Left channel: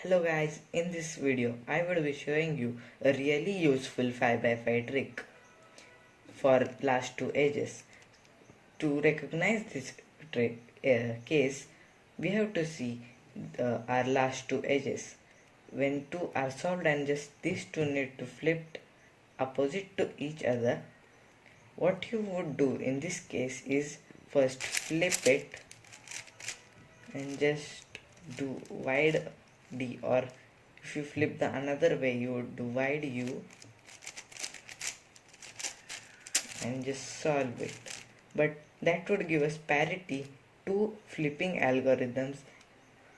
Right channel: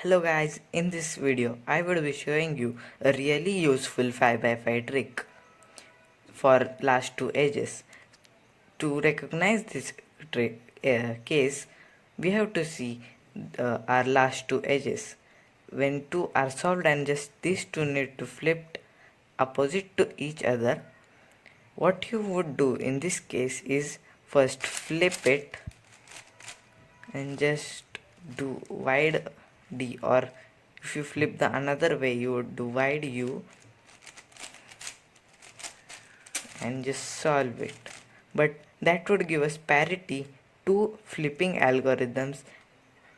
Hello guys, in this video I will be showing you a really useful 5x5 trick for last two edges. To recognize this case, we have to see our last two edges. When two are solved and just these two need to flip opposite to each other, what you would do in this case is first flip it and just do wide D, or if you flip the another way you would do wide U and just solve it. But that would give us parity to flipping algorithms,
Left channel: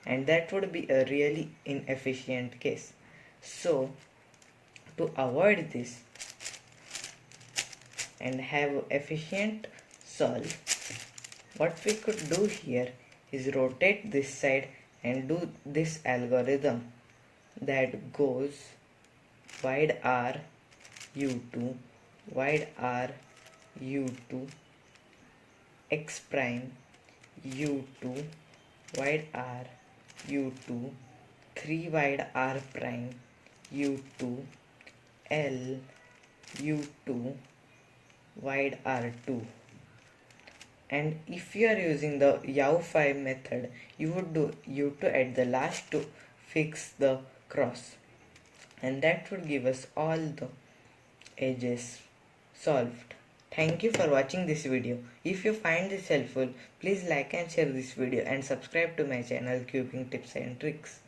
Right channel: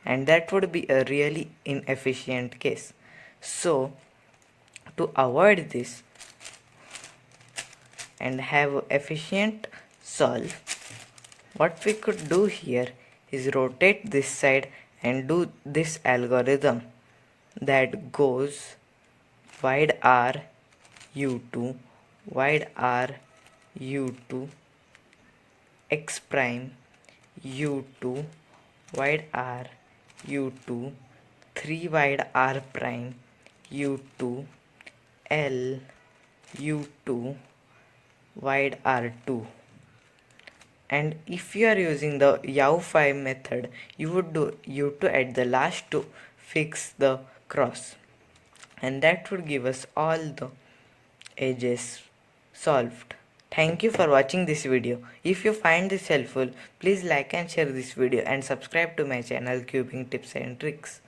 and that would be a really inefficient case. So to avoid this and have efficient solve, what we could do here is rotate this side and do this algorithm that goes wide R U2, wide R U2, X prime U2, wide R U2, 3 wide R prime U2, L U2, wide R2. And if you are using the U5 method, you would do U2 at the last to fix the cross, and that would give us all the edges solved. Thank you for watching this video. If you find this helpful, please like and share this video and subscribe to my channel Cubing Tips and Tricks.